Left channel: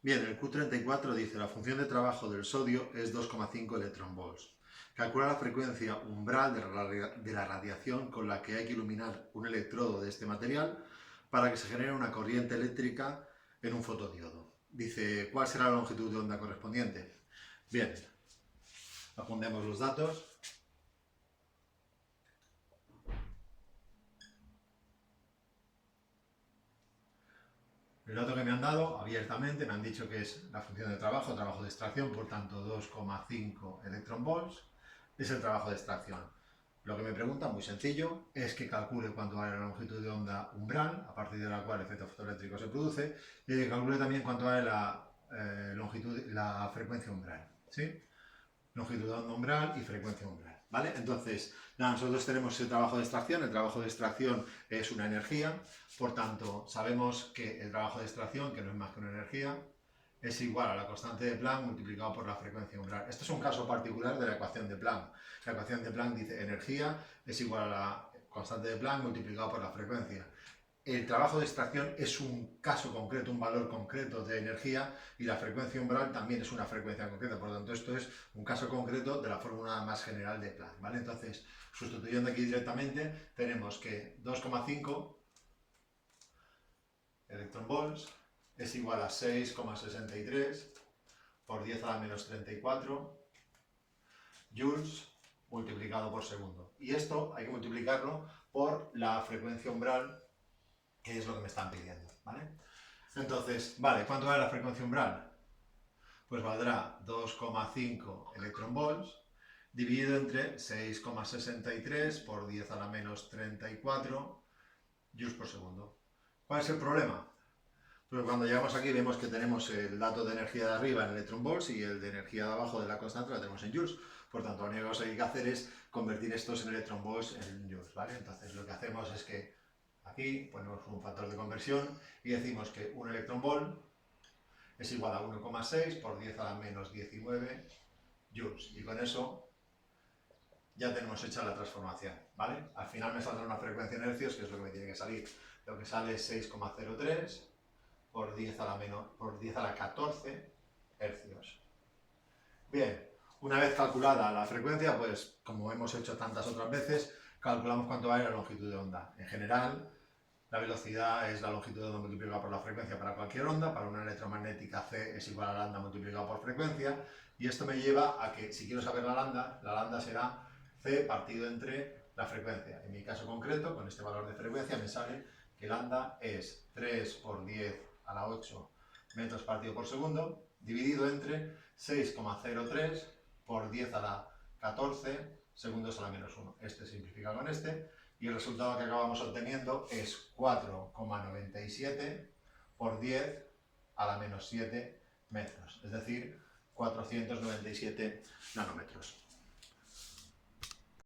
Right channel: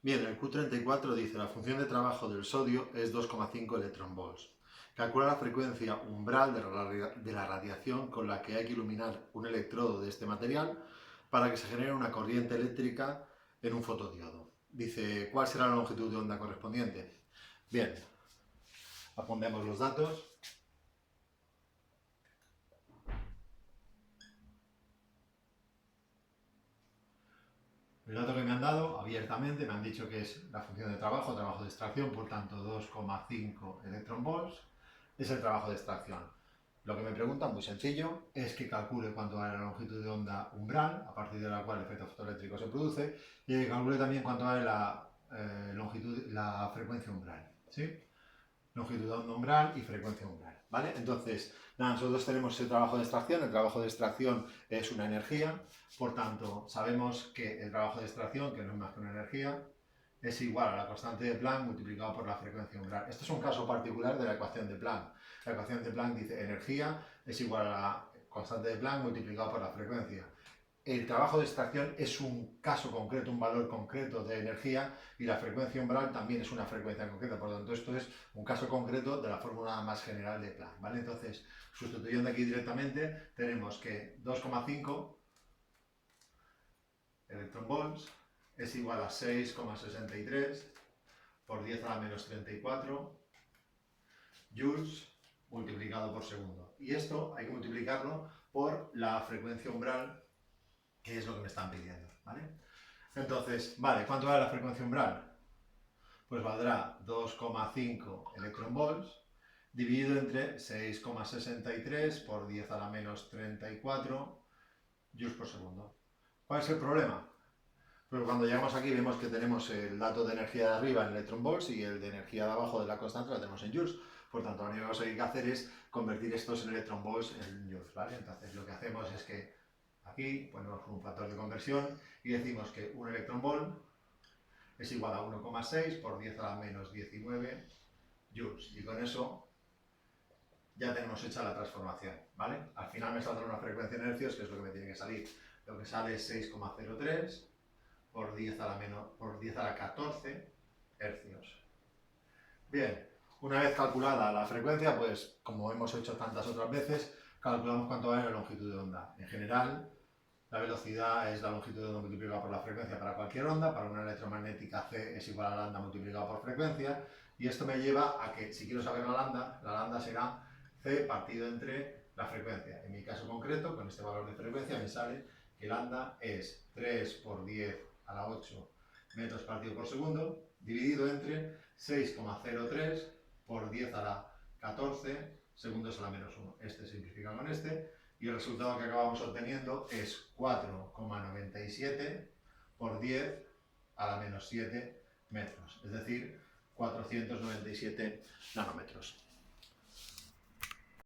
Bien, el Q34 dice la función de trabajo del sodio es 2,5 electronvolts. Calcula la frecuencia umbral de la radiación con la que hay que iluminar un electrodo de este material para que se genere una corriente eléctrica en un fotodiodo. Dice, ¿cuál será la longitud de onda correspondiente? Bien, apuntemos los datos. El dato que me han dado abiertamente me han dicho que es la función de trabajo de extracción, por tanto 2,5 electronvolts es el trabajo de extracción. Lo que me preguntan, muy sencillo, es que calcule cuánto vale la longitud de onda umbral, a partir de la cual el efecto fotoeléctrico se produce, y que calcule también cuánto vale la frecuencia umbral, ¿sí? Longitud de onda umbral y frecuencia umbral, ¿vale? Entonces, nada, nosotros tenemos el trabajo de extracción. El trabajo de extracción es una energía, por tanto, sabemos que el trabajo de extracción, que no es más que una energía, es igual a la constante de Planck multiplicado por la frecuencia umbral. Esto es un caso particular de la ecuación de Planck. La ecuación de Planck dice energía es igual a la constante de Planck multiplicado por la frecuencia. El trabajo de extracción es un caso concreto, un valor concreto de energía, y la frecuencia umbral también es una frecuencia concreta. Por lo tanto, esto es un caso concreto de la fórmula más general de Planck, ¿vale? Entonces, sustituyendo aquí directamente, tenemos que 2,5 electronvolts es igual a 6,63 por 10 a la menos 34 joules multiplicado por segundo. Y esto hay que multiplicarlo por la frecuencia umbral, que es lo que me están pidiendo, ¿vale? Entonces, vale, ¿cuánto vale la frecuencia umbral? Pues valdrá 2,5 electronvolts dividido entre 6,63 por 10 a la menos 34 joules por segundo. ¿Cuál es el problema? Pues cuando llegamos aquí vemos que tenemos el dato de energía de arriba en electronvolts y el de energía de abajo de la constante la tenemos en joules. Por tanto, la única cosa que hay que hacer es convertir estos en electronvolts en joules, ¿vale? Entonces lo que hacemos es que aquí ponemos un factor de conversión y decimos que un electronvolt es igual a 1,6 por 10 a la menos 19 joules. Y con eso ya tenemos hecha la transformación, ¿vale? Al final me saldrá una frecuencia en hercios, que es lo que me tiene que salir. Lo que sale es 6,03 por 10 a la 14 hercios. Bien, una vez calculada la frecuencia, pues como hemos hecho tantas otras veces, calculamos cuánto vale la longitud de onda. En general, la velocidad es la longitud de onda multiplicada por la frecuencia para cualquier onda. Para una electromagnética C es igual a lambda multiplicado por frecuencia. Y esto me lleva a que, si quiero saber la lambda será C partido entre la frecuencia. En mi caso concreto, con este valor de frecuencia, me sale que lambda es 3 por 10 a la 8 metros partido por segundo, dividido entre 6,03 por 10 a la 14 segundos a la menos 1. Este simplifica con este, y el resultado que acabamos obteniendo es 4,97 por 10 a la menos 7 metros, es decir, 497 nanómetros.